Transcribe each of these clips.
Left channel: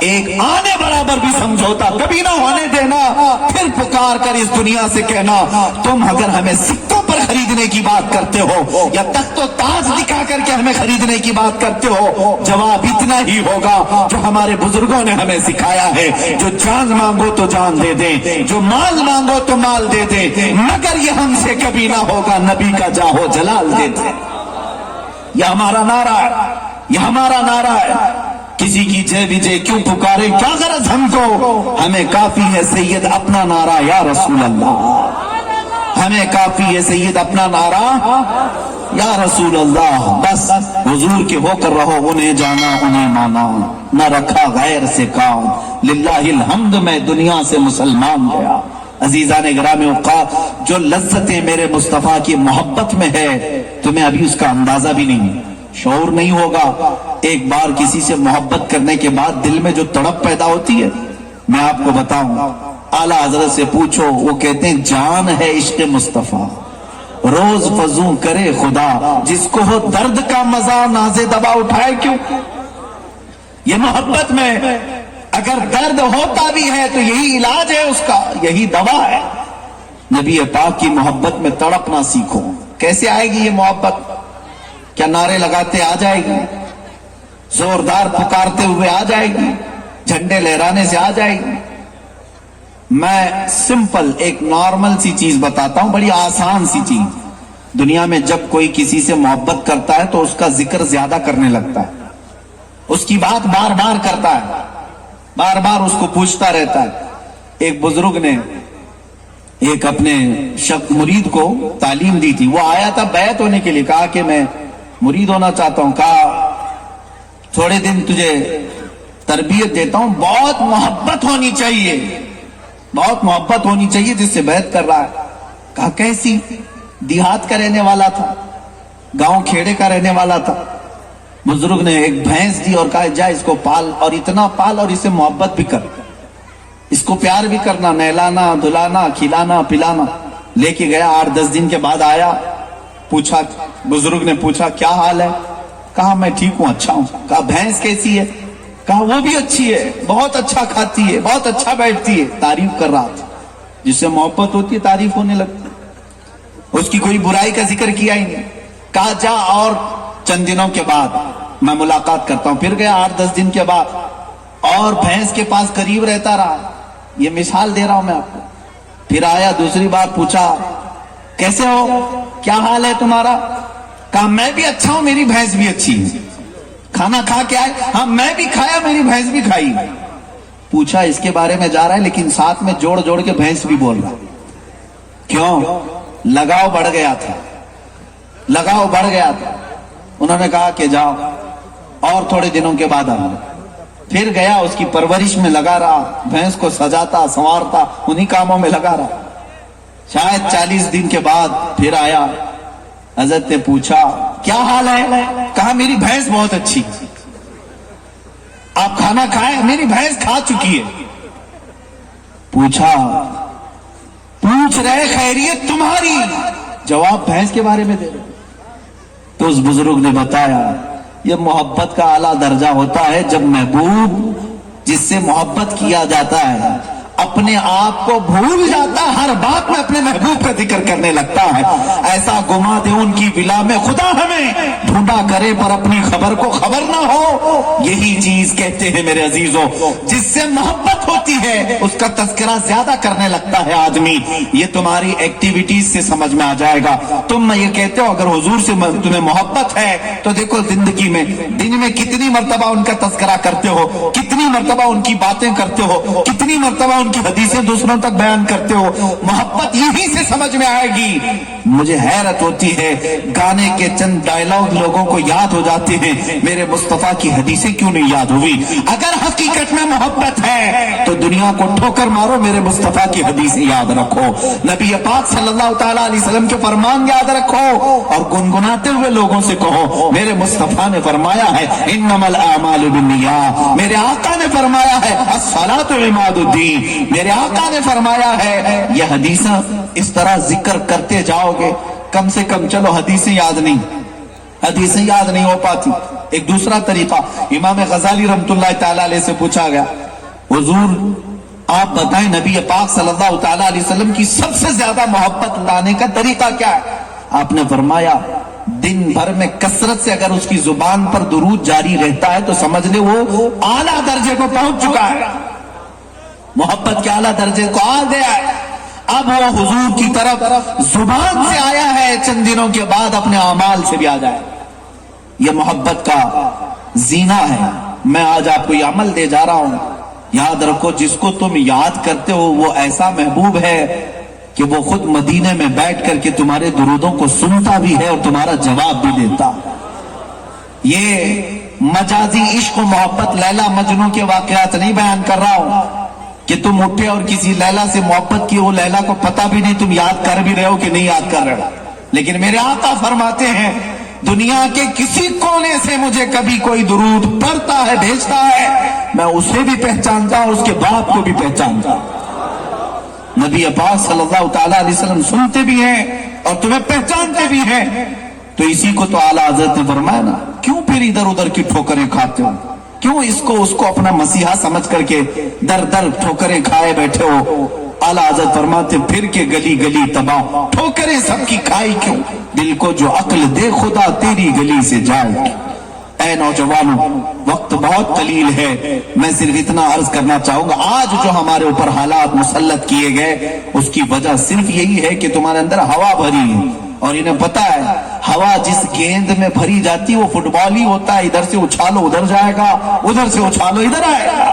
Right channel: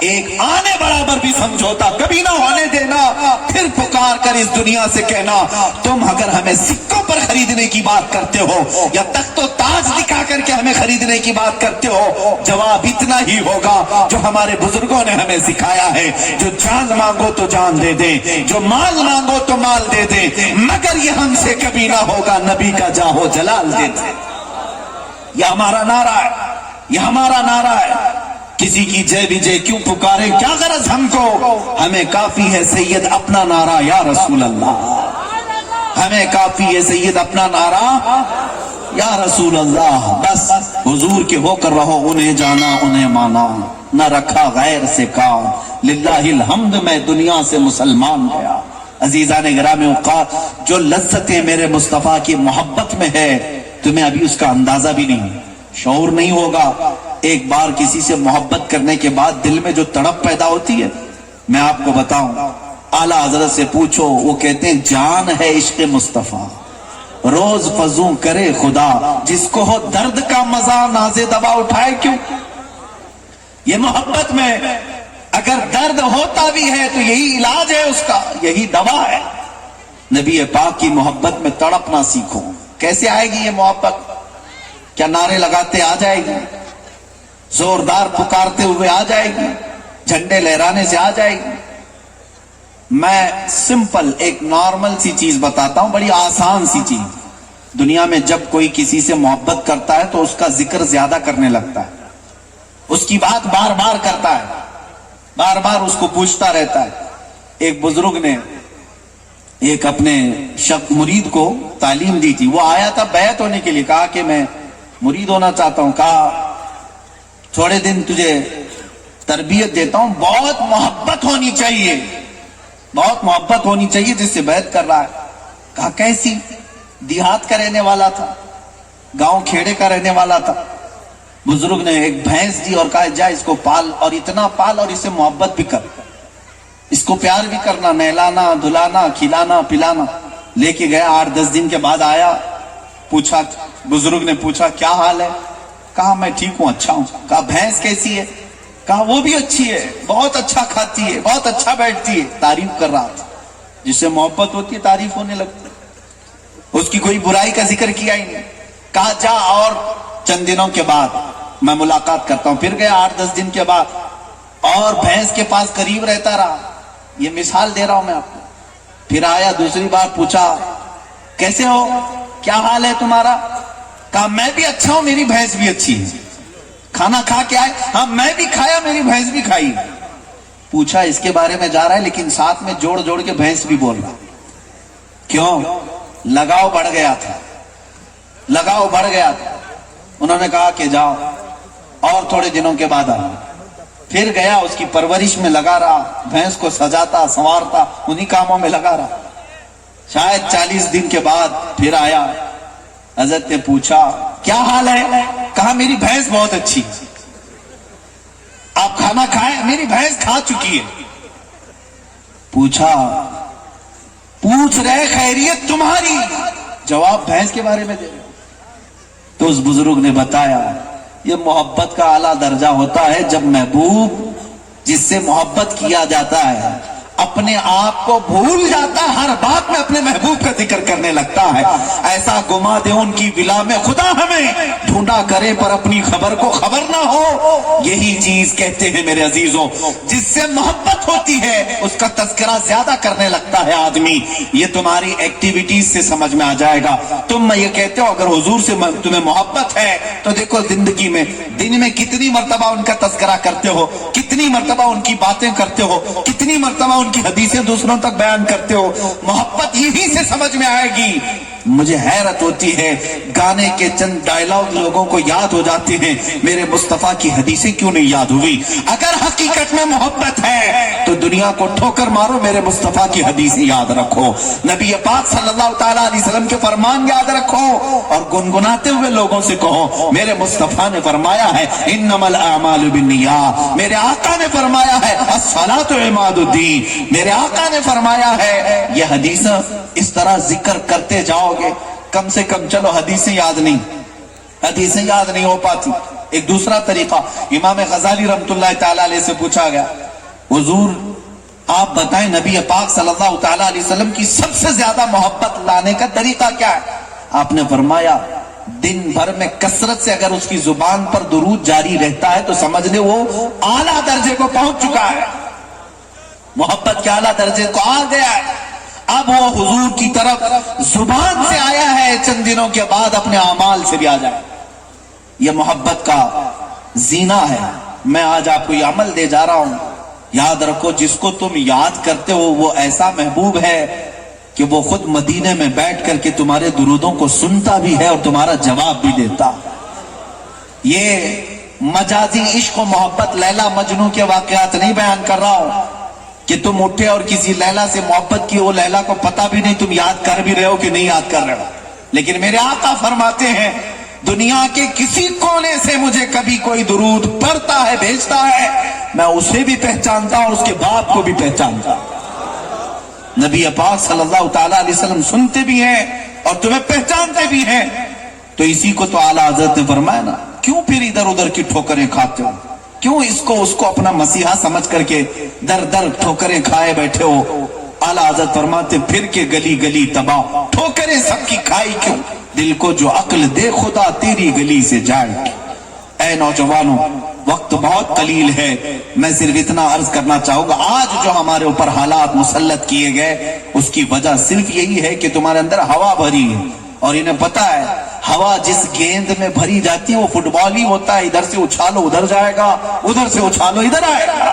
ایک آنے برابر بھی سمجھوتا کبھی نہ ہونے دینا. پھر پکار کر اس دنیا سے کہنا تم اگر ہمیں سکوں پر خریدنے کی بات کرتے ہو یا تخت و تاج دکھا کر کے ہمیں خریدنے کی بات کرتے ہو, جواب اتنا ہی ہوگا جو ہمارے بزرگوں نے ہمیں سکھایا ہے, جو جان مانگو تو جان دے دیں, جو مال مانگو تو مال دے دیں, مگر یہ ہم سے کبھی نہ ہوگا نبی کا جاہ و جلال دے دیں. یہ ہمارا نعرہ ہے, یہ ہمارا نعرہ ہے. کسی کی جے بھی جے کیوں پکارے, کیا غرض ہم کو, ہمیں کافی ہے سید اپنا نعرہ یا رسول اللہ, ہمیں کافی ہے سید اپنا نعرہ یا رسول اللہ. بس حضور کے ہو کر رہو, انہیں جانا انہیں مانا, نہ رکھا غیر سے کام, للہ الحمد میں دنیا سے مسلمان گیا. عزیزان گرامی اوقات, جو لذتیں میرے مصطفیٰ کی محبت میں ہے تمہیں ابھی اس کا اندازہ بھی نہیں, شعور نہیں ہوگا. ایک بار کسی سے محبت کرنے کے بعد دل میں جو تڑپ پیدا ہوتی ہے, میں آپ کو بتاؤں, اعلیٰ حضرت سے پوچھو, وہ کہتے ہیں جان ہے عشق مصطفیٰ, روز فضوں کرے خدا, جس کو ہو درد کا مزہ نازے دبا اٹھائے کیوں. یہ محبت میں اگر درد ہوتا بھی ہے تو یہی علاج ہے اس کا, یہی دوا ہے. نبی پاک کی محبت میں تڑپنا سیکھو. کیسے آئے گی یہ محبت؟ کیا نعرے لگاتے آ جائے گی, زوردار پکارتے ہوئے آ جائے گی, جھنڈے لہرانے سے آ جائے گی؟ میں سمپل ایک نارمل سی چیز بتاتا ہوں, بڑی آسان سی چیز. دنیا میں جب کوئی کسی سے محبت کرتا ہے تو اس کا ذکر زیادہ کرنے لگتا ہے, اس کی بات بار بار کرتا ہے, بار بار اس کو پوچھتا رہتا ہے. ایک بزرگ نے ایک اپنے مرید کو تعلیم دی تھی. وہ آیا تھا بیعت ہونے کے لیے, کہا کہ میں مرید ہونا چاہتا ہوں. کہا تھوڑے دن تجھے تربیت دیتا ہوں, بہت محبت ہونی چاہیے, بہت محبت ہونی چاہیے جس سے بیعت کر رہا ہے. کہا کیسی؟ دیہات کا رہنے والا تھا, گاؤں کھیڑے کا رہنے والا تھا. بزرگ نے ایک بھینس دی اور کہا جا اس کو پال, اور اتنا پال اور اسے محبت بھی کر, اس کو پیار بھی کرنا, نہلانا دھلانا کھلانا پلانا. لے کے گیا, 8-10 دن کے بعد آیا, پوچھا, بزرگ نے پوچھا کیا حال ہے؟ کہا میں ٹھیک ہوں, اچھا ہوں. کہا بھینس کیسی ہے؟ کہا وہ بھی اچھی ہے, بہت اچھا کھاتی ہے, بہت اچھا بیٹھتی ہے. تعریف کر رہا تھا. جس سے محبت ہوتی ہے تعریف ہونے لگتی, اس کی کوئی برائی کا ذکر کیا ہی نہیں. کہا جا اور چند دنوں کے بعد میں ملاقات کرتا ہوں. پھر گیا 8-10 دن کے بعد, اور بھینس کے پاس قریب رہتا رہا. یہ مثال دے رہا ہوں میں آپ کو. پھر آیا دوسری بار, پوچھا کیسے ہو, کیا حال ہے تمہارا؟ کہا میں بھی اچھا ہوں, میری بھینس بھی اچھی ہے. کھانا کھا کے آئے؟ ہاں میں بھی کھایا, میری بھینس بھی کھائی. پوچھا اس کے بارے میں جا رہا ہے لیکن ساتھ میں جوڑ جوڑ کے بھینس بھی بول رہا. کیوں؟ لگاؤ بڑھ گیا تھا, لگاؤ بڑھ گیا تھا. انہوں نے کہا کہ جاؤ اور تھوڑے دنوں کے بعد آنا. پھر گیا, اس کی پرورش میں لگا رہا, بھینس کو سجاتا سنوارتا, انہی کاموں میں لگا رہا. شاید 40 دن کے بعد پھر آیا. حضرت نے پوچھا کیا حال ہے؟ کہا میری بھینس بہت اچھی. آپ کھانا کھائے؟ میری بھینس کھا چکی ہے. پوچھا, پوچھ رہے خیریت تمہاری, جواب بھینس کے بارے میں دے رہے. تو اس بزرگ نے بتایا یہ محبت کا اعلیٰ درجہ ہوتا ہے جب محبوب جس سے محبت کیا جاتا ہے اپنے آپ کو بھول جاتا ہے, ہر بات میں اپنے محبوب کا ذکر کرنے لگتا ہے. ایسا گما دے ان کی ولا میں خدا ہمیں, ڈھونڈا کرے پر اپنی خبر کو خبر نہ ہو. یہی چیز کہتے ہیں میرے عزیزوں, جس سے محبت ہوتی ہے اس کا تذکرہ زیادہ کرنے لگتا ہے آدمی. یہ تمہاری ایکٹیویٹیز سے سمجھ میں آ جائے گا. تم میں یہ کہتے ہو اگر حضور سے تمہیں محبت ہے تو دیکھو زندگی میں دن میں کتنی مرتبہ ان کا تذکرہ کرتے ہو, کتنی مرتبہ ان کی باتیں کرتے ہو, کتنی مرتبہ کی حدیثیں دوسروں تک بیان کرتے ہو. محبت یہی سے سمجھ میں آئے گی. مجھے حیرت ہوتی ہے, گانے کے چند ڈائلاگ لوگوں کو یاد ہو جاتے ہیں, میرے مصطفیٰ کی حدیثیں کیوں نہیں یاد ہوئی؟ اگر حقیقت میں محبت ہے تو دنیا کو ٹھوکر مارو, میرے مصطفیٰ کی حدیثیں یاد رکھو, نبی پاک صلی اللہ تعالیٰ علیہ وسلم کے فرمان یاد رکھو, اور گنگناتے ہوئے لوگوں سے کہو میرے مصطفیٰ نے فرمایا ہے انما الاعمال بالنیات, میرے آقا نے فرمایا ہے الصلاۃ عماد الدین, میرے آقا نے فرمایا ہے. یہ حدیثیں اس طرح ذکر کرتے جاؤ گے, کم سے کم چلو حدیثیں یاد نہیں, حدیثیں یاد نہیں ہو پاتی. ایک دوسرا طریقہ امام غزالی رحمتullah تعالی علیہ سے پوچھا گیا، حضور آپ بتائیں نبی پاک صلی اللہ تعالی علیہ وسلم کی سب سے زیادہ محبت لانے کا طریقہ کیا ہے؟ آپ نے فرمایا دن بھر میں کثرت سے اگر اس کی زبان پر درود جاری رہتا ہے تو سمجھ لے وہ اعلیٰ درجے کو پہنچ چکا ہے، محبت کے اعلیٰ درجے کو آ گیا ہے۔ اب وہ حضور کی طرف زبان سے آیا ہے، چند دنوں کے بعد اپنے اعمال سے بھی آ جائے۔ یہ محبت کا زینہ ہے۔ میں آج آپ کو یہ عمل دے جا رہا ہوں، یاد رکھو جس کو تم یاد کرتے ہو وہ ایسا محبوب ہے کہ وہ خود مدینے میں بیٹھ کر کے تمہارے درودوں کو سنتا بھی ہے اور تمہارا جواب بھی دیتا۔ یہ مجازی عشق و محبت لیلا مجنوں کے واقعات نہیں بیان کر رہا ہوں کہ تم اٹھے اور کسی لیلا سے محبت کی، وہ لیلا کو پتہ بھی نہیں تم یاد کر بھی رہے ہو کہ نہیں یاد کر رہے ہو، لیکن میرے آقا فرماتے ہیں دنیا کے کسی کونے سے مجھے کبھی کوئی درود پڑھتا ہے بھیجتا ہے، میں اسے بھی پہچانتا ہوں، اس کے باپ کو بھی پہچانتا ہوں۔ نبی پاک صلی اللہ تعالیٰ علیہ وسلم سنتے بھی ہیں اور تمہیں پہچانتے بھی ہیں، تو اسی کو تو اعلیٰ حضرت نے فرمایا نا، کیوں پھر ادھر ادھر کی ٹھوکریں کھاتے ہو، کیوں اس کو اپنا مسیحا سمجھ کر کے در در ٹھوکریں کھائے بیٹھے ہو؟ اعلیٰ حضرت فرماتے پھر کے گلی گلی تباہ، ٹھوکریں سب کی کھائی کیوں؟ دل کو جو عقل دے خدا تیری گلی سے جائے۔ اے نوجوانوں وقت بہت قلیل ہے، میں صرف اتنا عرض کرنا چاہوں گا، آج جو ہمارے اوپر حالات مسلط کیے گئے اس کی وجہ صرف یہی ہے کہ تمہارے اندر ہوا بھری ہے، اور انہیں پتا ہے ہوا جس گیند میں بھری جاتی ہے وہ فٹ بال ہی ہوتا ہے، ادھر سے اچھالو ادھر جائے گا، ادھر سے اچھالو ادھر آئے گا۔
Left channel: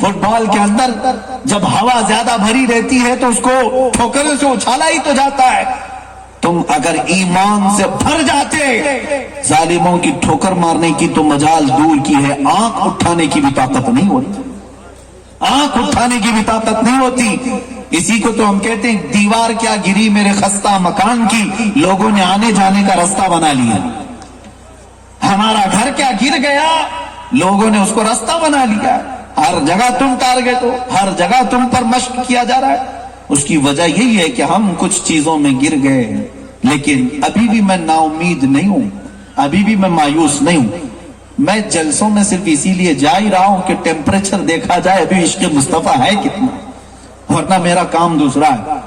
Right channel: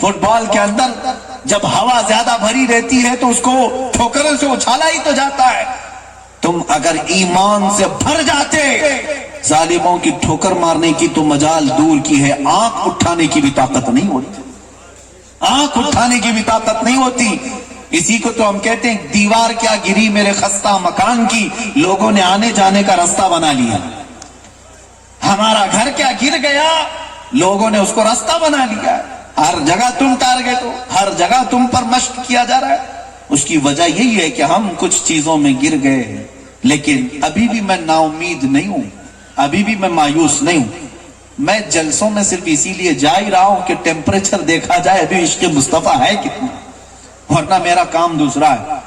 فٹ بال کے اندر جب ہوا زیادہ بھری رہتی ہے تو اس کو ٹھوکروں سے اچھالا ہی تو جاتا ہے۔ تم اگر ایمان سے بھر جاتے ظالموں کی ٹھوکر مارنے کی تو مجال دور کی ہے، آنکھ اٹھانے کی بھی طاقت نہیں ہوتی، آنکھ اٹھانے کی بھی طاقت نہیں ہوتی۔ اسی کو تو ہم کہتے ہیں دیوار کیا گری میرے خستہ مکان کی، لوگوں نے آنے جانے کا راستہ بنا لیا۔ ہمارا گھر کیا گر گیا، لوگوں نے اس کو راستہ بنا لیا۔ ہر جگہ تم ٹارگٹ ہو، ہر جگہ تم پر مشق کیا جا رہا ہے۔ اس کی وجہ یہی ہے کہ ہم کچھ چیزوں میں گر گئے، لیکن ابھی بھی میں نا امید نہیں ہوں، ابھی بھی میں مایوس نہیں ہوں۔ میں جلسوں میں صرف اسی لیے جا ہی رہا ہوں کہ ٹیمپریچر دیکھا جائے ابھی عشق مصطفیٰ ہے کتنا، ورنہ میرا کام دوسرا ہے۔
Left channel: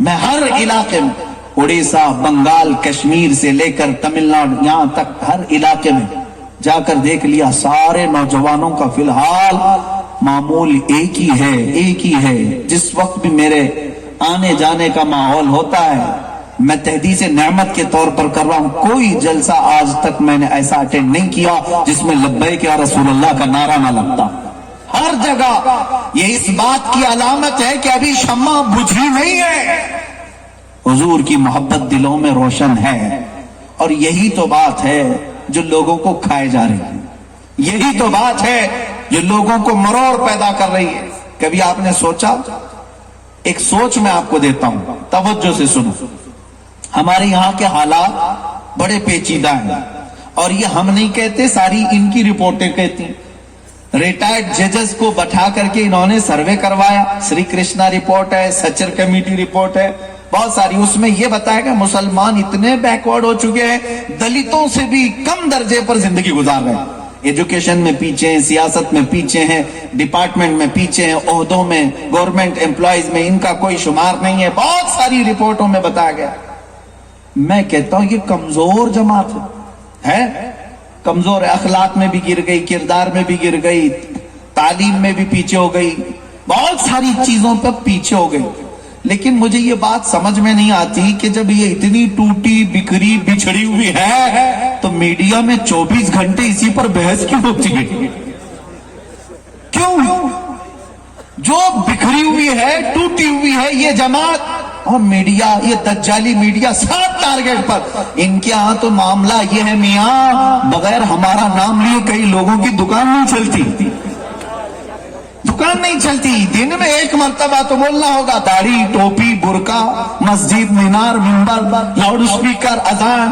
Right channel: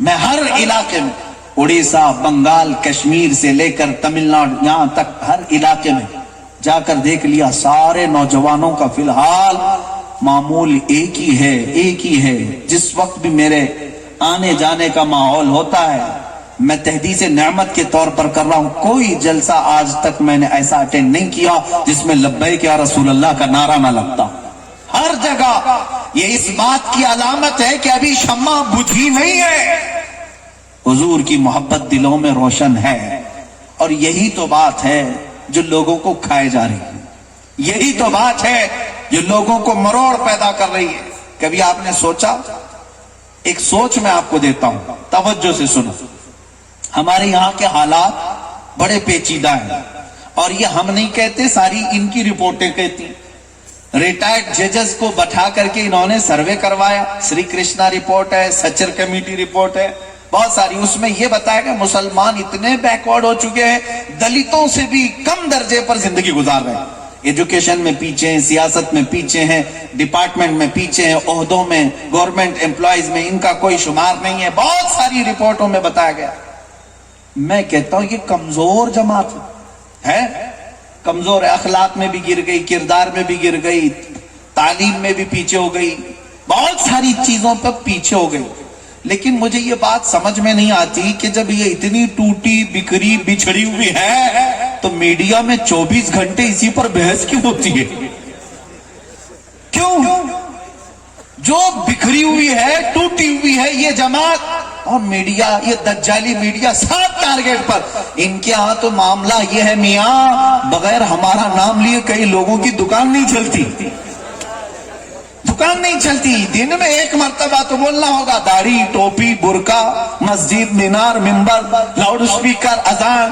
میں ہر علاقے میں، اڑیسہ، بنگال، کشمیر سے لے کر تمل ناڈو یہاں تک ہر علاقے میں جا کر دیکھ لیا، سارے نوجوانوں کا فی الحال معمول ایک ہی ہے۔ جس وقت بھی میرے آنے جانے کا ماحول ہوتا ہے میں تحدیث نعمت کے طور پر کر رہا ہوں، کوئی جلسہ آج تک میں نے ایسا اٹینڈ نہیں کیا جس میں لبیک یا رسول اللہ کا نعرہ نہ لگتا۔ ہر جگہ یہ اس بات کی علامت ہے کہ ابھی شمع بجھی نہیں ہے، حضور کی محبت دلوں میں روشن ہے، اور یہی تو بات ہے جو لوگوں کو کھائے جا رہی ہے، یہی تو بات ہے جو لوگوں کو مروڑ پیدا کر رہی ہے۔ کبھی آپ نے سوچا، ایک سوچ میں آپ کو دیتا ہوں، توجہ سے سنو۔ ہمارے یہاں کے حالات بڑے پیچیدہ ہیں، اور یہ ہم نہیں کہتے، ساری ان کی رپورٹیں کہتی۔ ریٹائرڈ ججز کو بٹھا کر کے انہوں نے سروے کروایا، سری کرشنا رپورٹ ہے، سچر کمیٹی رپورٹ ہے، بہت ساری، اس میں یہ بتایا کہ مسلمان اتنے بیکورڈ ہو چکے ہیں، دلتوں سے بھی کم درجے پر زندگی گزار رہے ہیں، ایجوکیشن میں پیچھے ہیں، سیاست میں پیچھے ہیں، ڈپارٹمنٹ میں پیچھے ہیں، عہدوں میں، گورنمنٹ امپلائیز میں ان کا کوئی شمار نہیں ہے، بہت ساری رپورٹوں میں بتایا گیا۔ میں کہتا ہوں یہ کمزور جماعت ہے، کمزور اخلاق میں بھی گر گئی، کردار میں بھی گر گئی، تعلیم میں بھی پیچھے ہو گئی، بہت ساری چیزوں پر پیچھے ہو گئی۔ لیکن مجھے یہ بات سمجھ میں نہیں آتی کہ جب یہ اتنی ٹوٹی بکھری بچھڑی ہوئی ہے تو میڈیا میں 24 گھنٹے اسی پر بحث کیوں ہوتی ہے؟ کیوں؟ جو بکھری ہوئی ہے، ٹوٹی ہوئی ہے یہ جماعت، اور میڈیا، یہ دجالی میڈیا سب ٹارگیٹ پر۔ ان کے ہاں تو معاملہ یہ ہے میاں، بغیر ہمارا نام لیے کئی لوگوں کی دکان نہیں چلتی، دکان نہیں چلتی۔ دن میں ایک مرتبہ تو بولنا ہوگا، داڑھی، ٹوپی، برقع، مسجد، مینار، منبر، لاؤڈ اسپیکر، اذان،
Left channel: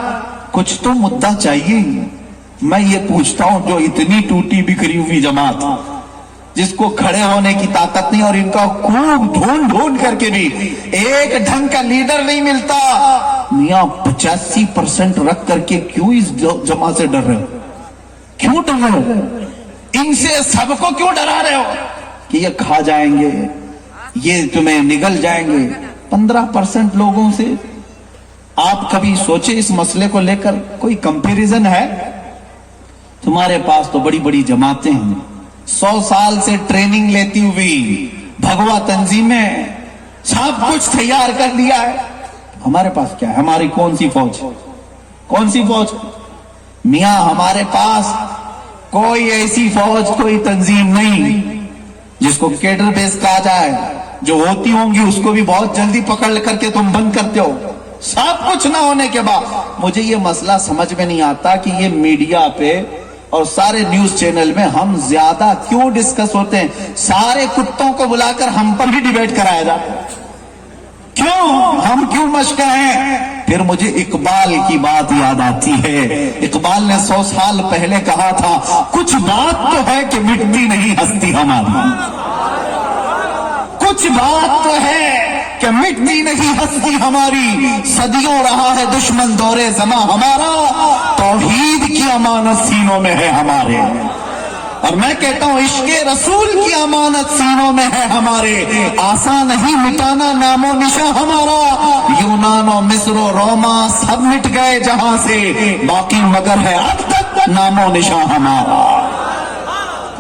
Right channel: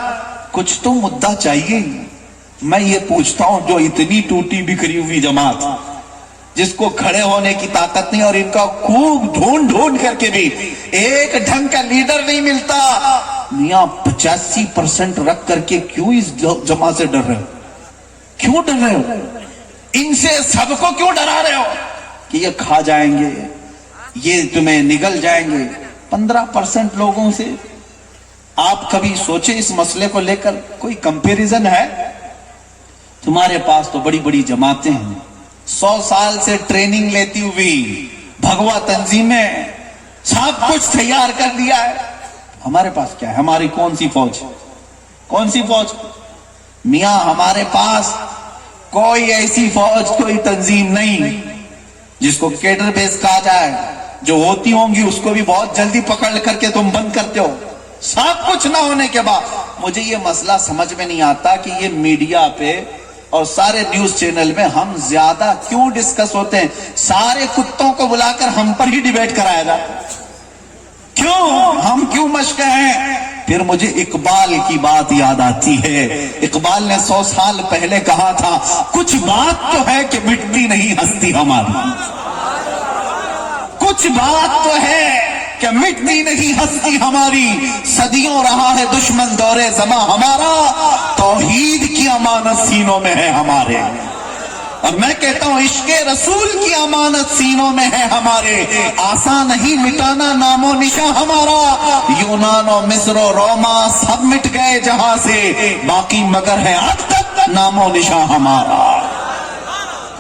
کچھ تو مدعا چاہیے۔ میں یہ پوچھتا ہوں جو اتنی ٹوٹی بکھری ہوئی جماعت، جس کو کھڑے ہونے کی طاقت نہیں، اور ان کا خوب ڈھونڈ کر کے بھی ایک ڈھنگ کا لیڈر نہیں ملتا، میاں 85% رکھ کر کے کیوں اس جماعت سے ڈر رہے ہو؟ क्यों डर रहे हो? इनसे सबको क्यों डरा रहे हो कि ये खा जाएंगे, ये तुम्हें निगल जाएंगे? 15% लोगों से आप कभी सोचे इस मसले को लेकर कोई कंपैरिजन है? तुम्हारे पास तो बड़ी बड़ी जमातें हैं, 100 साल से ट्रेनिंग लेती हुई भगवा तंजीमें, सब कुछ तैयार कर लिया है। हमारे पास क्या है? हमारी कौन सी फौज? कौन सी फौज? मियां, हमारे पास कोई ऐसी फौज, कोई तंजीम नहीं जिसको केडर बेस कहा जाए। जो होती होंगी उसको भी बहुत जल्दी पकड़ करके तुम बंद करते हो। सब कुछ ना होने के बाद मुझे ये मसला समझ में नहीं आता कि ये मीडिया पे और सारे न्यूज चैनल में हम ज्यादा क्यों डिस्कस होते हैं? सारे कुत्तों को बुलाकर हम पर ही डिबेट कराया जाता है। क्यों? हम क्यों मशक हैं? फिर मुझे इकबाल की बात याद आती है। इकबाल ने 100 साल पहले कहा था, कुछ बात तो है कि मिटती नहीं हस्ती हमारी। कुछ बात तो है कि मिटती नहीं हस्ती हमारी। सदियों रहा है दुश्मन दौरे ज़मा हमारा, तौहीद की अमानत सीनों में है हमारे। और मैं कहता हूं इश्क़े रसूल की अमानत सीनों में है हमारे। आसान नहीं मिटाना नामो निशा हमारा। यूनान और मिस्र और रोमा सब मिट गए जहां से, बाकी मगर है अब तक नामो निशा हमारा।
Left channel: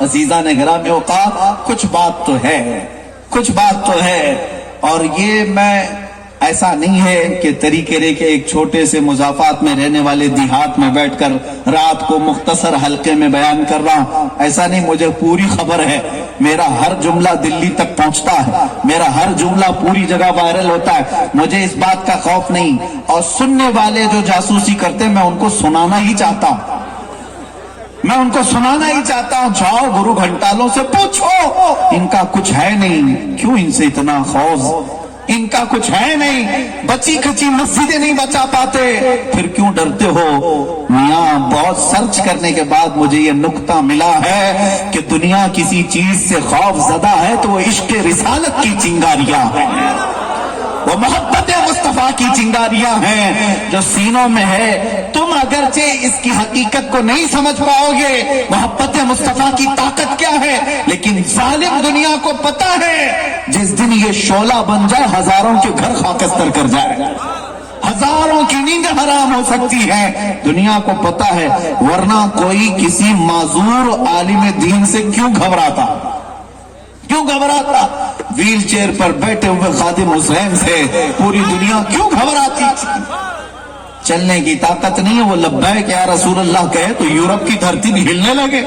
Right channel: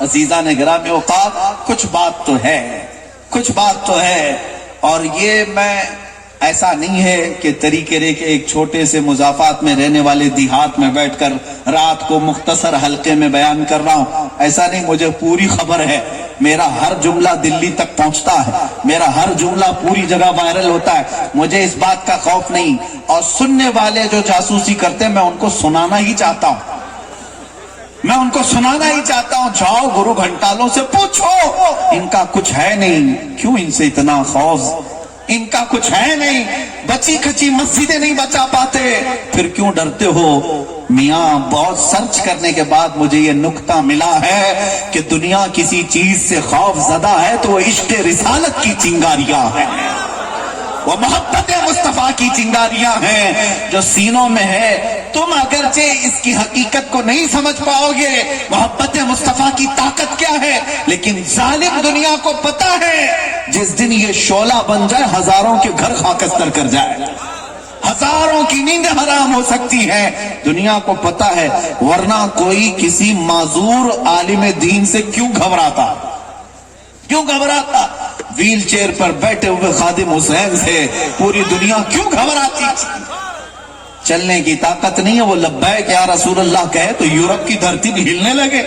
अजीजा ने गिरामी औक़ात, कुछ बात तो है, कुछ बात तो है। और ये मैं ऐसा नहीं है कि तरीके रेखे एक छोटे से मुजाफात में रहने वाले देहात में बैठकर रात को मुख्तसर हल्के में बयान कर रहा हूं, ऐसा नहीं। मुझे पूरी खबर है, मेरा हर जुमला दिल्ली तक पहुंचता है, मेरा हर जुमला पूरी जगह वायरल होता है। मुझे इस बात का खौफ नहीं। और सुनने वाले जो जासूसी करते हैं, मैं उनको सुनाना ही चाहता हूं, मैं उनको सुनाना ही चाहता हूं। जाओ गुरु घंटालों से पूछो, इनका कुछ है नहीं। क्यों इनसे इतना खौफ? इनका कुछ है नहीं। बची खची मस्जिदें नहीं बचा पाते, फिर क्यों डरते हो? मियां, बहुत सर्च करने के बाद मुझे ये नुक्ता मिला है कि दुनिया किसी चीज से खौफ ज़दा है तो वो इश्क़ रिसालत की चिंगारियां हैं, वो मोहब्बत मुस्तफा की चिंगारियां हैं जो सीनों में है। तुम अगरचे इसकी हकीकत को नहीं समझ पाओगे, मोहब्बत मुस्तफा की ताकत क्या है, लेकिन जालिम दुनिया को पता है जिस दिन ये शोला बन जाए हजारों के घर खाकस्तर कर जाए, हजारों की नींद हराम हो सकती है। दुनिया को पता है, वरना कोई किसी माजूर आलिम दीन से क्यों घबराता? क्यों घबराता? व्हील चेयर पर बैठे हुए खादिम हुसैन से पूरी दुनिया क्यों घबराती? चलने की ताकत नहीं है। वो लब्बैक या रसूल अल्लाह कहे तो यूरोप की धरती भी हिलने लगे,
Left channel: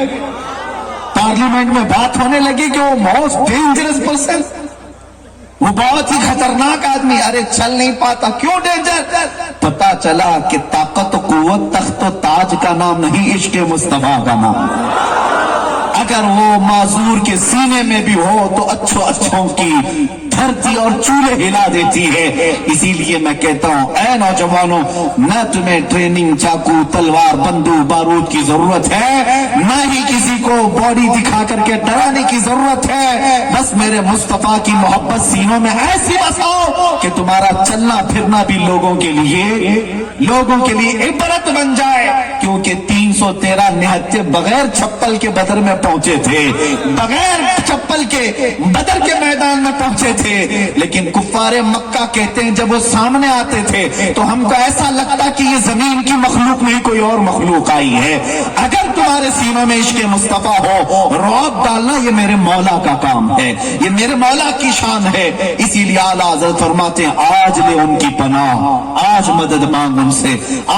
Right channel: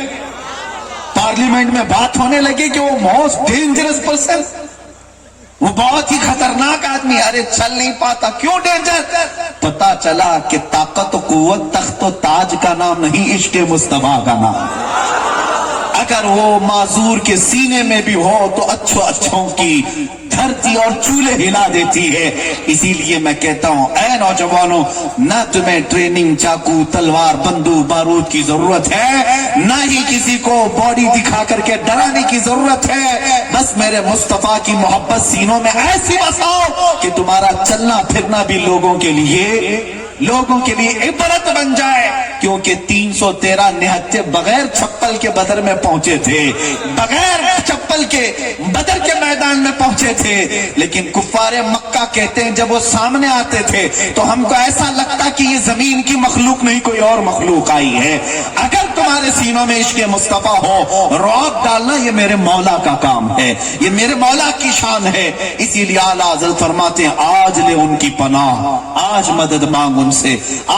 पार्लियामेंट में बात होने लगी कि वो मोस्ट डेंजरस पर्सन, वो बहुत ही खतरनाक आदमी। अरे चल नहीं पाता, क्यों डेंजर? पता चला कि ताकत कुव्वत तख्त ताज का नाम नहीं, इश्क़ मुस्तफा का नाम। अगर वो माजूर के सीने में भी हो तो अच्छों की धरती और चूल्हे हिला देती है। इसीलिए मैं कहता हूं, ऐ नौजवानों, ना तुम्हें ट्रेनिंग, चाकू, तलवार, बंदूक, बारूद की जरूरत है, ना ही किसी को बॉडी दिखा करके डराने की जरूरत है। बस मेरे मुस्तफा की मोहब्बत सीनों में ऐसी बसाओ कि तुम्हारा चलना फिरना भी लोगों के लिए इबरत बन जाए। क्योंकि 313 निहत्ते बगैर चप्पल के बदर में पहुंचे थे, बगैर चप्पल के बदर के मैदान में पहुंचे थे। लेकिन कुफ्फारे मक्का कहते हैं जब वो सामने आते थे तो हमको ऐसा लगता कि ये जमीन की मखलूक नहीं कोई और मखलूक आई है। अगर तुम्हारे सीने में इश्क़ मुस्तफा हो, रौब डालना ये मेरे मौला का काम है, ये मेरे मौला की शान है। इसीलिए आला हज़रत फरमाते हैं, आज ले उनकी पनाह, आज मदद मांग उनसे,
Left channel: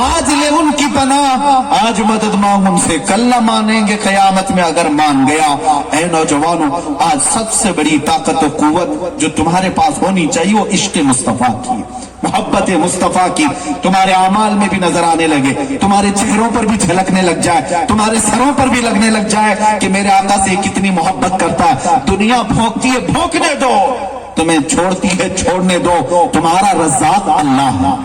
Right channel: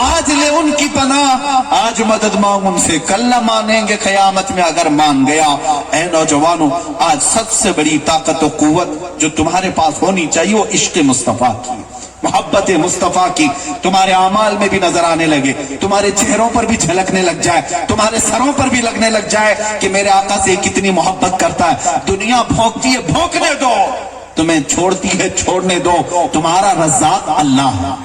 आज ले उनकी पनाह, आज मदद मांग उनसे। कल न मानेंगे क़यामत में अगर मान गया। ऐ नौजवानों, आज सबसे बड़ी ताकत और कुव्वत जो तुम्हारे पास होनी चाहिए वो इश्क़ मुस्तफा की, मोहब्बत मुस्तफा की तुम्हारे अमाल में भी नजर आने लगे, तुम्हारे चेहरों पर भी झलकने लग जाए, तुम्हारे सरों पर भी लगने लग जाए कि मेरे आका से कितनी मोहब्बत करता है। दुनिया भोंकती है, भोंकने दो, तुम्हें छोड़ती है, छोड़ने दो। तुम्हारा रज़्ज़ाक़ अल्लाह है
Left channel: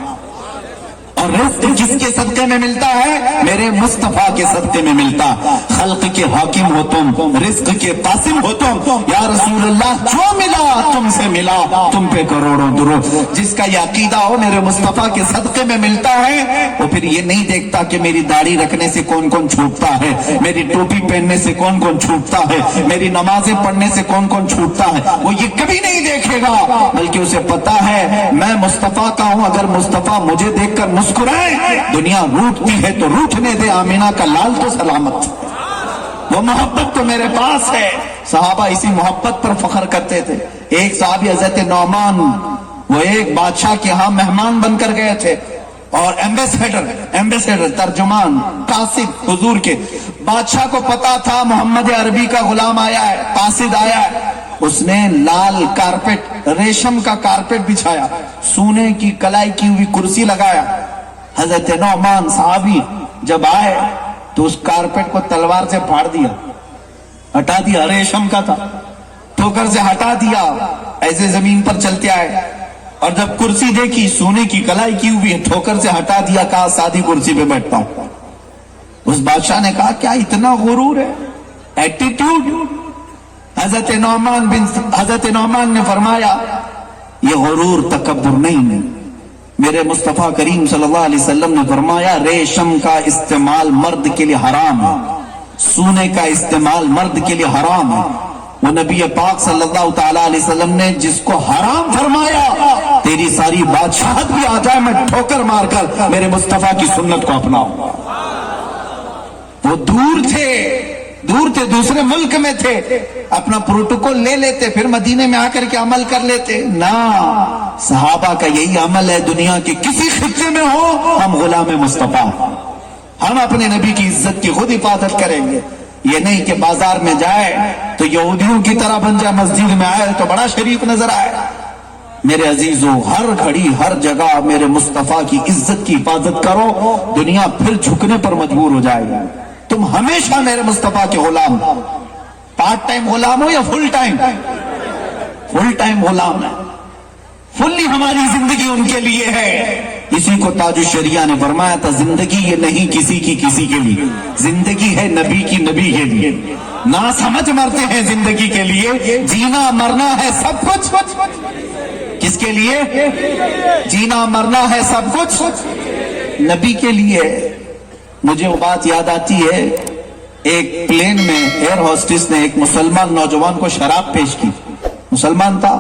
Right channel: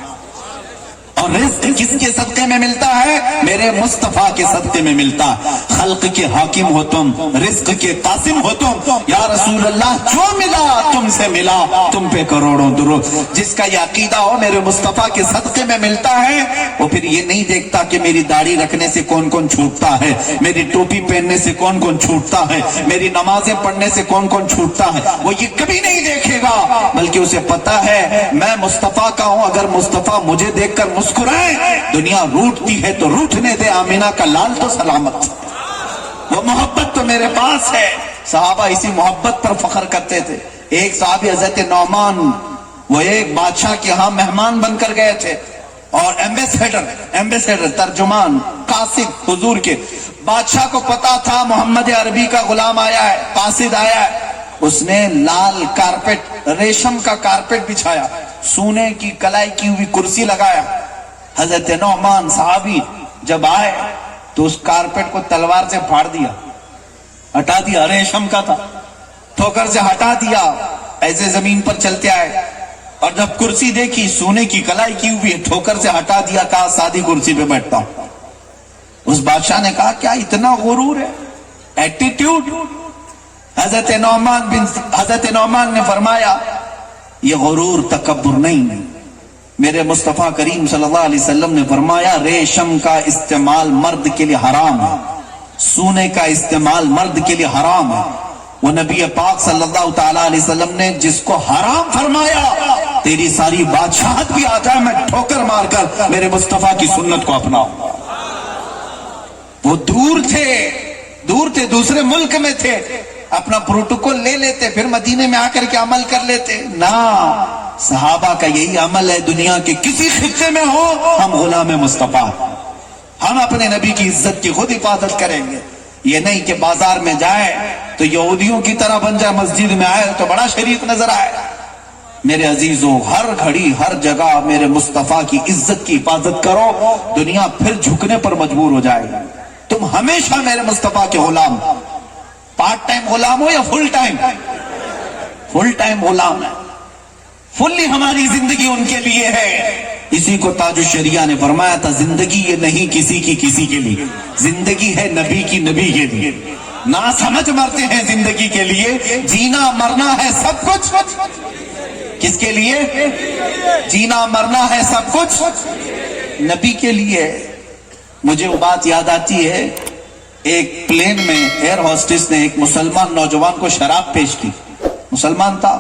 और रिज़्क़ जिसके सदक़े में मिलता है, मेरे मुस्तफा के सदक़े में मिलता। खल्क़ के हाकिम हो तुम, रिज़्क़ के कासिम हो तुम। या रसूल अल्लाह जो मिला तुमसे मिला, तुम पे करोड़ों दुरूद। जिसका ये अकीदा हो मेरे मुस्तफा के सदके में मिलता है, वो फिर ये नहीं देखता कि मेरी दाढ़ी रखने से कौन कौन छूटता है, मेरी टोपी पहनने से कौन कौन छूटता है, मेरी नमाजें पढ़ने से कौन कौन छूटता है, वो ये कभी नहीं देखेगा। बल्कि उसे पता है मैं मुस्तफा का हूं, अगर मुस्तफा मुझे देखकर मुस्कुराए, दुनिया रूठती है तो रूठने दे, आमिना का लाल तो सलामत। वो मोहब्बत तो मेरे पास है। सहाबा इसी मोहब्बत पर फख्र करते थे। एक साहबी हजरत नौमान, वो एक बादशाह के यहाँ मेहमान बनकर गए थे, और एम्बेसडर तर्जुमान कासिद हुजूर के। बादशाह को पता था मोहम्मद अरबी का गुलाम आया है, कासिद आया है। उसने लाल कारपेट, रेशम का कारपेट बिछाया, सोने की कलाई की हुई कुर्सी लगाया। हजरत नौमान साहबी जब आए तो उस कारपेट को तलवार से फाड़ दिया, हटा दिया, रेशम का था, ठोकर से हटा दिया, ऐसे जमीन पर चलते आए। और जब कुर्सी देखी, सोने की कलाई की हुई, ठोकर से हटा दिया, कहा सादी कुर्सी पे बैठता हूं। उस बादशाह ने कहा क्या इतना गुरूर है, एटीट्यूड। हजरत नौमान ने फरमाया ये गुरूर तकब्बुर नहीं। मेरे मुस्तफा करीम सल्लल्लाहु अलैहि वसल्लम ने फरमाया रेशम का इस्तेमाल मर्द के लिए हराम है, सोने का इस्तेमाल मर्द के लिए हराम है। वो नबी पाक सल्लल्लाहु ताला अलैहि वसल्लम ने जिसको हराम फरमाया, तेरी सारी बादशाहत भी आ जाए मैं ठोकर मारकर मेरे मुस्तफा की सुन्नत को अपनाऊंगा। वो दूर थे, दूसरे मुल्क में थे, अपना प्रोटोकॉल ले लेते, फिर मदीने में आकर के अमल कर लेते ना। सहाबा का यही अमल है, दुनिया के किसी खित्ते में हो हम गुलाम मुस्तफा, हम अपने नबी की इज्जत की खुद हिफाजत करेंगे। ये नहीं कि बाजार में जाए तो यहूदियों की तरह बन जाए, मस्जिद में आए तो बड़ा शरीफ नजर आए। मेरे अजीजों, हर घड़ी हर जगह मेरे मुस्तफा की इज्जत की हिफाजत करो, दुनिया फिर झुकने पर मजबूर हो जाएगी। तुम हमेशा मेरे मुस्तफा के गुलाम, पार्ट टाइम गुलाम हो या फुल टाइम? फुल टाइम गुलाम है, फुल्ली हमारी जिंदगी उनके लिए है। इसी को ताजुश शरिया ने फरमाया था, जिंदगी ये नहीं किसी के लिए, जिंदगी है नबी के लिए। ना समझ मरते हैं जिंदगी के लिए, जीना मरना है सब कुछ किसके लिए? जीना मरना है सब कुछ नबी के लिए। मुझे वो बात याद आती है, एक प्लेन में एयर होस्टेस ने एक मुसलमान नौजवान को शराब पेश की। मुसलमान था,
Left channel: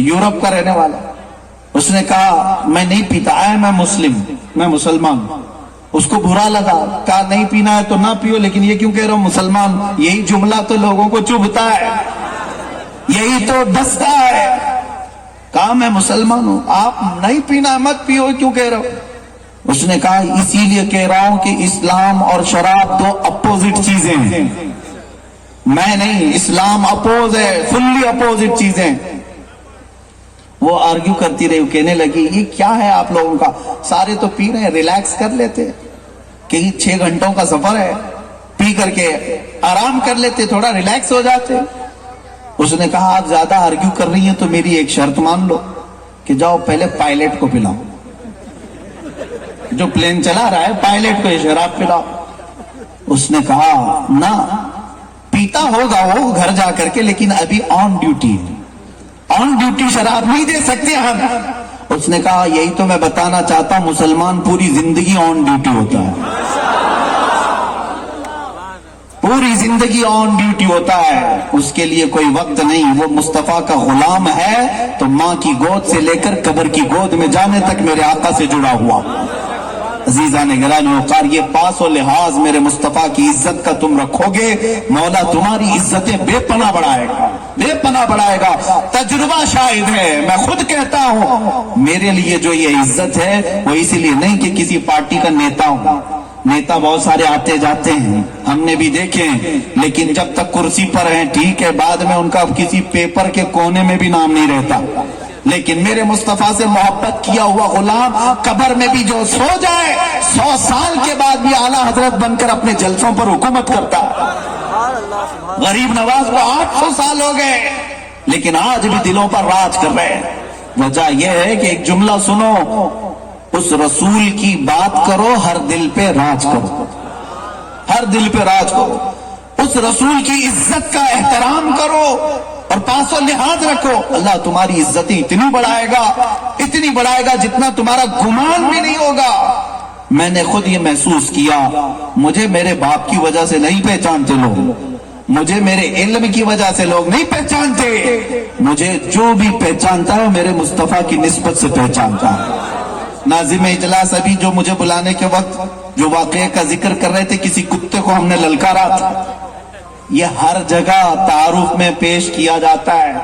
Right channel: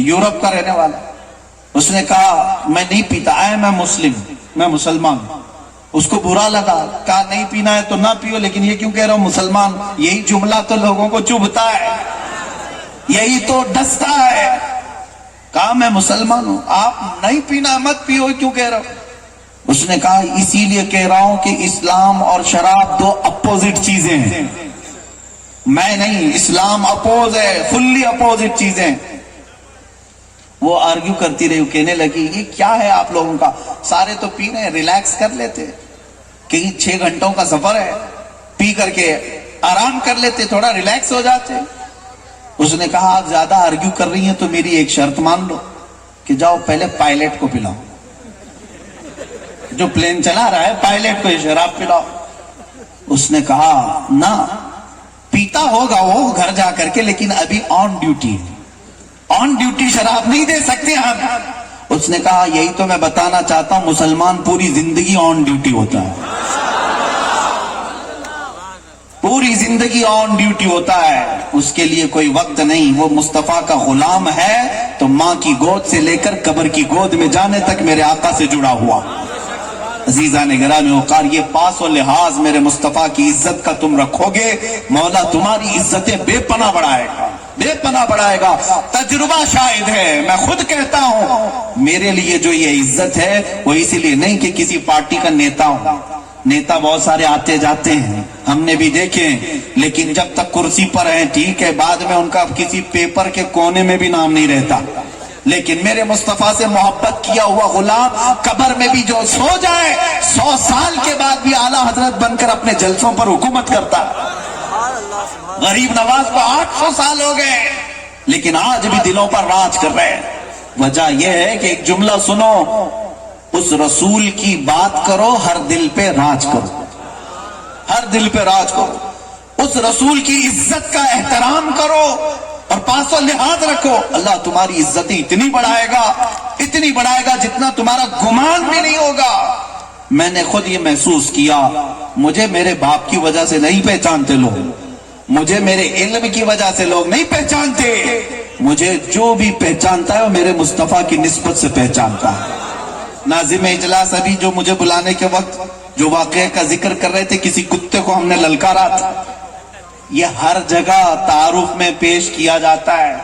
यूरोप का रहने वाला। उसने कहा मैं नहीं पीता है, मैं मुस्लिम, मैं मुसलमान। उसको बुरा लगा, कहा नहीं पीना है तो ना पियो, लेकिन ये क्यों कह रहा हूं मुसलमान? यही जुमला तो लोगों को चुभता है, यही तो डसता है। कहा मैं मुसलमान हूं, आप नहीं पीना मत पियो, क्यों कह रहे हो? उसने कहा इसीलिए कह रहा हूं कि इस्लाम और शराब दो अपोजिट चीजें हैं। मैं नहीं, इस्लाम अपोज है, फुल्ली अपोजिट चीजें। वो आर्ग्यू करती रही, कहने लगी ये क्या है आप लोगों का, सारे तो पी रहे हैं, रिलैक्स कर लेते, कहीं 6 घंटों का सफर है, पी करके आराम कर लेते, थोड़ा रिलैक्स हो जाते। उसने कहा आप ज्यादा आर्ग्यू कर रही हैं तो मेरी एक शर्त मान लो कि जाओ पहले पायलट को पिलाओ, जो प्लेन चला रहा है पायलट को शराब पिलाओ। उसने कहा ना, पीता होगा वो घर जा करके, लेकिन अभी ऑन ड्यूटी शराब नहीं दे सकते हम। उसने कहा यही तो मैं बताना चाहता हूं, मुसलमान पूरी जिंदगी ऑन ड्यूटी होता है, पूरी जिंदगी ऑन ड्यूटी होता है, उसके लिए कोई वक्त नहीं। वो मुस्तफा का गुलाम है तो मां की गोद से लेकर कब्र की गोद में जाने तक मेरे आका से जुड़ा हुआ। अजीजा ने गिरान, ये पास और लिहाज मेरे मुस्तफा की इज्जत का तुम रखोगे, मौला तुम्हारी इज्जतें बेपनाह बढ़ाएगा। तजुर्बा शाहिद है, मैं खुद कहता हूं मेरे लिए जो ये इज्जत है वो इसीलिए नहीं कि किसी पार्टी का नेता हूं। नेता बहुत सारे आते जाते हैं, हमने भी देखे, लेकिन जब तक कुर्सी पर हैं ठीक है, बाद में उनका किसी पेपर के कोने में भी नाम नहीं रहता। लेकिन मेरे मुस्तफा से मोहब्बत किया हुआ गुलाम कब्र में भी जो सो जाए, 100 साल के बाद भी आला हजरत बनकर अपने जलसों पर हुकूमत करता। गरीब नवाज को 800 साल हो गए, लेकिन आज भी दिलों पर राज कर रहे हैं। वजह यह है कि एक जुमला सुनो, उस रसूल की बात करो, हर दिल पे राज करो, हर दिल पे राज करो। उस रसूल की इज्जत का एहतराम करो, और पास लिहाज रखो, अल्लाह तुम्हारी इज्जतें इतनी बढ़ाएगा जितना तुम्हारा गुमान भी नहीं होगा। मैंने खुद ये महसूस किया, मुझे मेरे बाप की वजह से नहीं पहचानते लोग, मुझे मेरे इल्म की वजह से लोग नहीं पहचानते, मुझे जो भी पहचानता है मेरे मुस्तफा की निस्बत से पहचानता है। नाज़िम इजलास अभी जो मुझे बुलाने के वक्त जो वाक़े का जिक्र कर रहे थे, किसी कुत्ते को हमने ललकारा था, ये हर जगह तारुफ में पेश किया जाता है।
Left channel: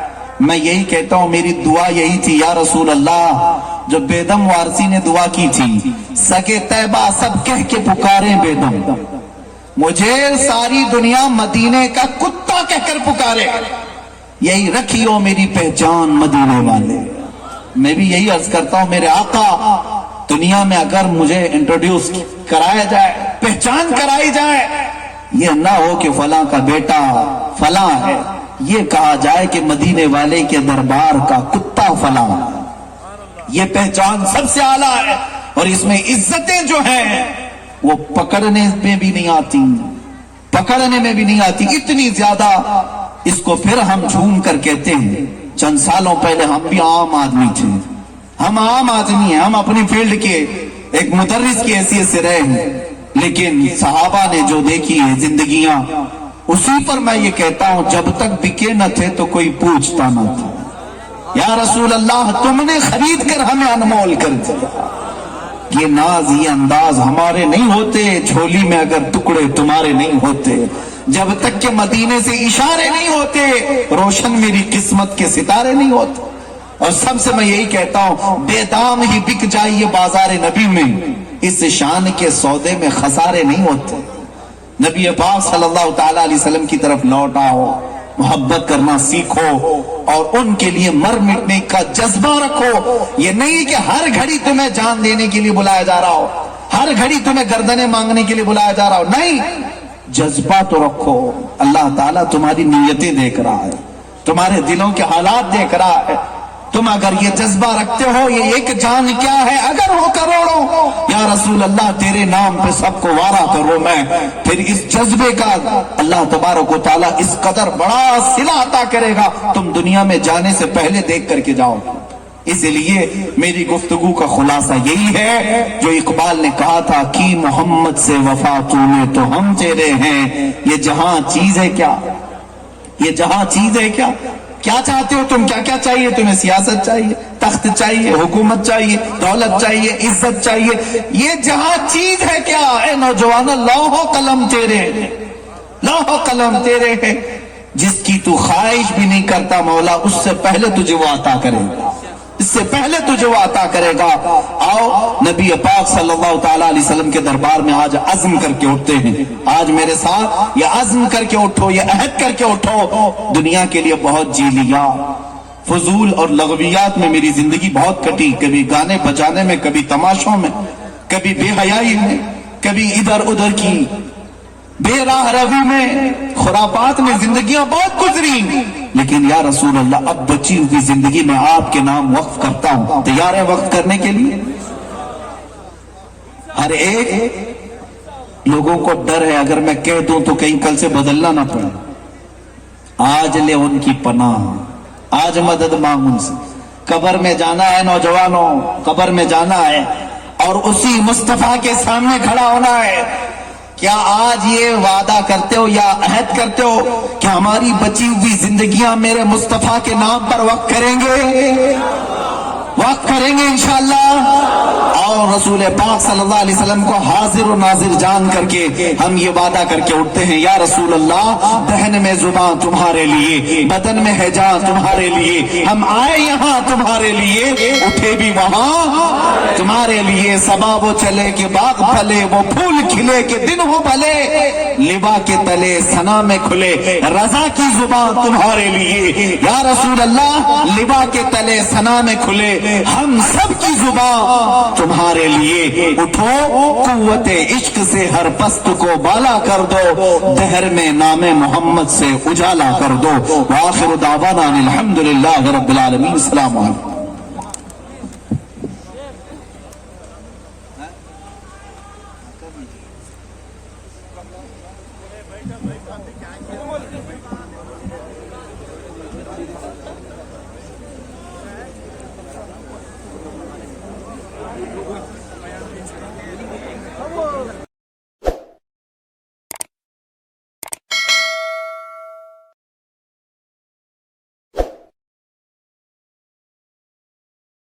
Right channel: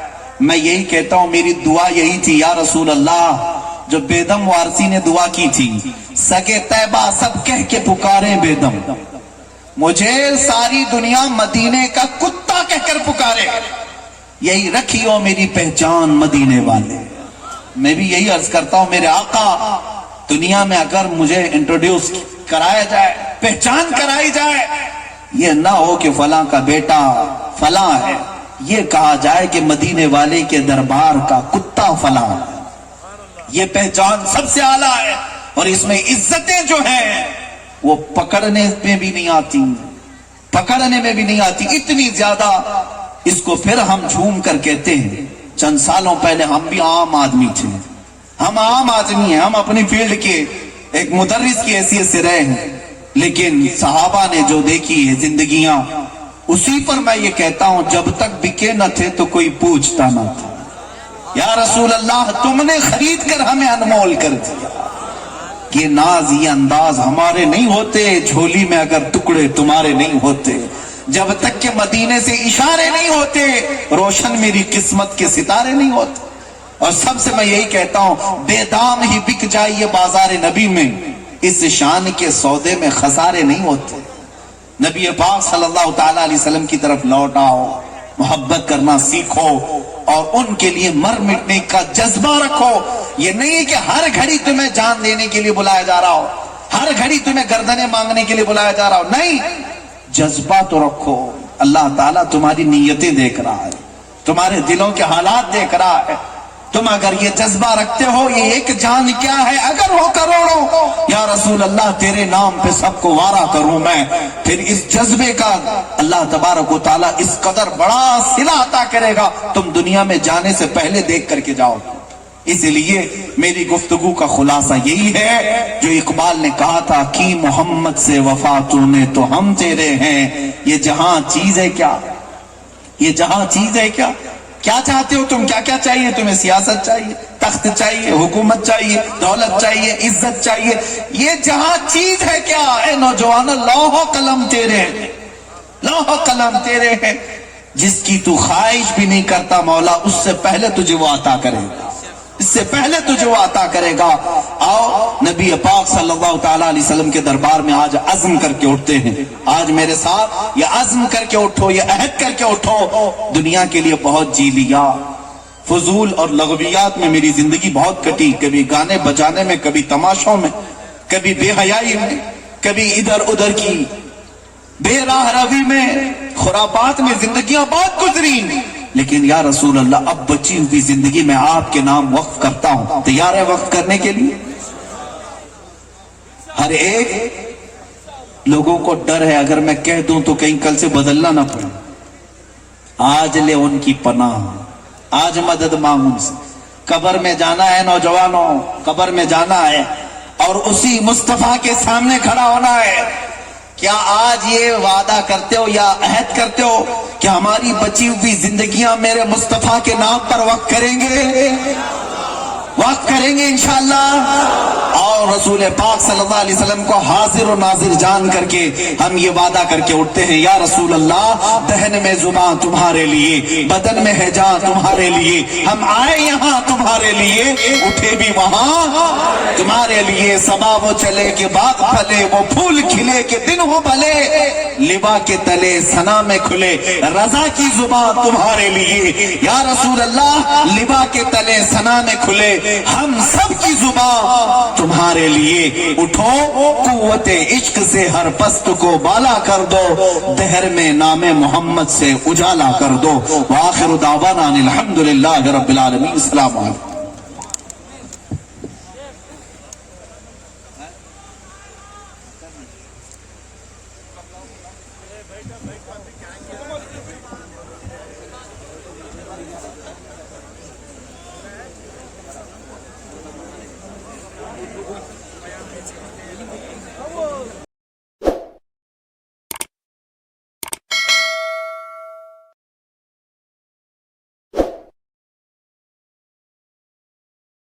मैं यही कहता हूं, मेरी दुआ यही थी, या रसूल अल्लाह, जो बेदम वारसी ने दुआ की थी, सगे तैबा सब कह के पुकारे बेदम, मुझे सारी दुनिया मदीने का कुत्ता कहकर पुकारे, यही रखियो मेरी पहचान मदीने वाले। मैं भी यही अर्ज करता हूं, मेरे आका दुनिया में अगर मुझे इंट्रोड्यूस कराया जाए, पहचान कराई जाए, ये ना हो कि फलां का बेटा फलां है, ये कहा जाए कि मदीने वाले के दरबार का कुत्ता फलां। ये पहचान सबसे आला है, और इसमें इज्जतें जो हैं वो पकड़ने में भी नहीं आती, इतनी ज्यादा इसको फिर हम झूम कर कहते हैं। चंद सालों पहले हम भी आम आदमी थे, हम आम आदमी हैं, हम अपनी फील्ड के एक मुदर्रिस की हैसियत से रहे हैं, लेकिन सहाबा ने जो देखी है जिंदगियां, उसी पर मैं ये कहता हूं, जब तक बिके न थे तो कोई पूछता न था। या रसूल अल्लाह, तुमने खरीद कर हमें अनमोल कर दिया। ये नाज, ये अंदाज हमारे नहीं होते, झोली में अगर टुकड़े तुम्हारे नहीं होते, जब तक के मदीने से इशारे नहीं होते, रोशन मेरी किस्मत के सितारे नहीं होते। और सबसे मैं यही कहता हूं, बेदाम ही बिक जाइए बाजार नबी में, इस शान के सौदे में खसारे नहीं होते। नबी पाक सल्लल्लाहु ताला अलैहि वसल्लम की तरफ लौट आओ, मोहब्बत करना सीखो, और उनके लिए मर मिटने का जज्बा रखो। ये नहीं कि हर घड़ी तुम्हें जान देने के लिए बुलाया जा रहा हो, हर घड़ी तुम्हें गर्दनें मांगने के लिए बुलाया जा रहा हो, नहीं, जज्बा तो रखो। अल्लाह ताला तुम्हारी नीयतें देख रहा है, तुम्हारे दिलों के हालात देख रहा है। तुम अगर ये जज्बा रखते हो, ये एक जान क्या है, अगर वो करो, या रसूल अल्लाह तेरे नाम पे सबको वारा करूं मैं, फिर इस जज्बे का अल्लाह तबारक व तआला इस कदर बड़ा सिला अता करेगा, तुम दुनिया में जाने से पहले देख करके जाओ। इसलिए मेरी गुफ्तगू का खुलासा यही है जो इकबाल ने कहा था कि मोहम्मद से वफा तूने तो हम तेरे हैं, ये जहां चीज है क्या, ये जहां चीज है क्या, क्या चाहते हो तुम, क्या क्या चाहिए तुम्हें, सियासत चाहिए, तख्त चाहिए, हुकूमत चाहिए, दौलत चाहिए, इज्जत चाहिए, ये जहां चीज है क्या, ए नौजवान, लौह कलम तेरे, लौह कलम तेरे है, जिसकी तू ख्वाहिश भी नहीं करता मौला, उससे पहले तुझे वो अता करेगा, इससे पहले तुझे वो अता करेगा। आओ नबी पाक सल्लल्लाहु ताला अलैहि वसल्लम के दरबार में आज अज़्म करके उठते हैं, आज मेरे साथ ये अज़्म करके उठो, ये अहद करके उठो, दुनिया के लिए बहुत जी लिया, फजूल और लगवियात में मेरी जिंदगी बहुत कटी, कभी गाने बजाने में, कभी तमाशों में, कभी बेहयाई में, कभी इधर उधर की बेराह रवी में, खुरापात में जिंदगियां बहुत गुजरी, लेकिन या रसूल अल्लाह, अब बची हुई जिंदगी में आपके नाम वक्फ करता हूं, तैयार है वक्फ करने के लिए? हर एक लोगों को डर है, अगर मैं कह दूं तो कहीं कल से बदलना ना पड़े। आज ले उनकी पनाह, आज मदद मांग उनसे। कब्र में जाना है नौजवानों, कब्र में जाना है, और उसी मुस्तफा के सामने खड़ा होना है। क्या आज ये वादा करते हो या अहद करते हो कि हमारी बची हुई जिंदगियां मेरे मुस्तफा के नाम पर वक्त करेंगे, वक्त करेंगे इंशाअल्लाह? और रसूल पाक सल्लल्लाहु अलैहि वसल्लम को हाजिर और नाजिर जान करके हम ये वादा करके उठते हैं, या रसूल अल्लाह, दहन में जुबान तुम्हारे लिए, बदन में है जान तुम्हारे लिए, हम आए यहाँ तुम्हारे लिए, उठे भी वहां तुम्हारे लिए, सबा वो चले के बाग फले, वो फूल खिले के दिन हो भले, लिबा के तले सना में खुले, रजा की जुबान तुम्हारे लिए, या रसूल अल्लाह, लिबा के तले सना में खुले, हम सब की जुबान तुम्हारे लिए। उठो, कुव्वते इश्क से हर पस्त को बाला कर दो, दहर में नामे मोहम्मद से उजाला कर दो। व आखिर दावाना अनिल हम्दुलिल्लाहि रब्बिल आलमीन। अस्सलामु अलैकुम।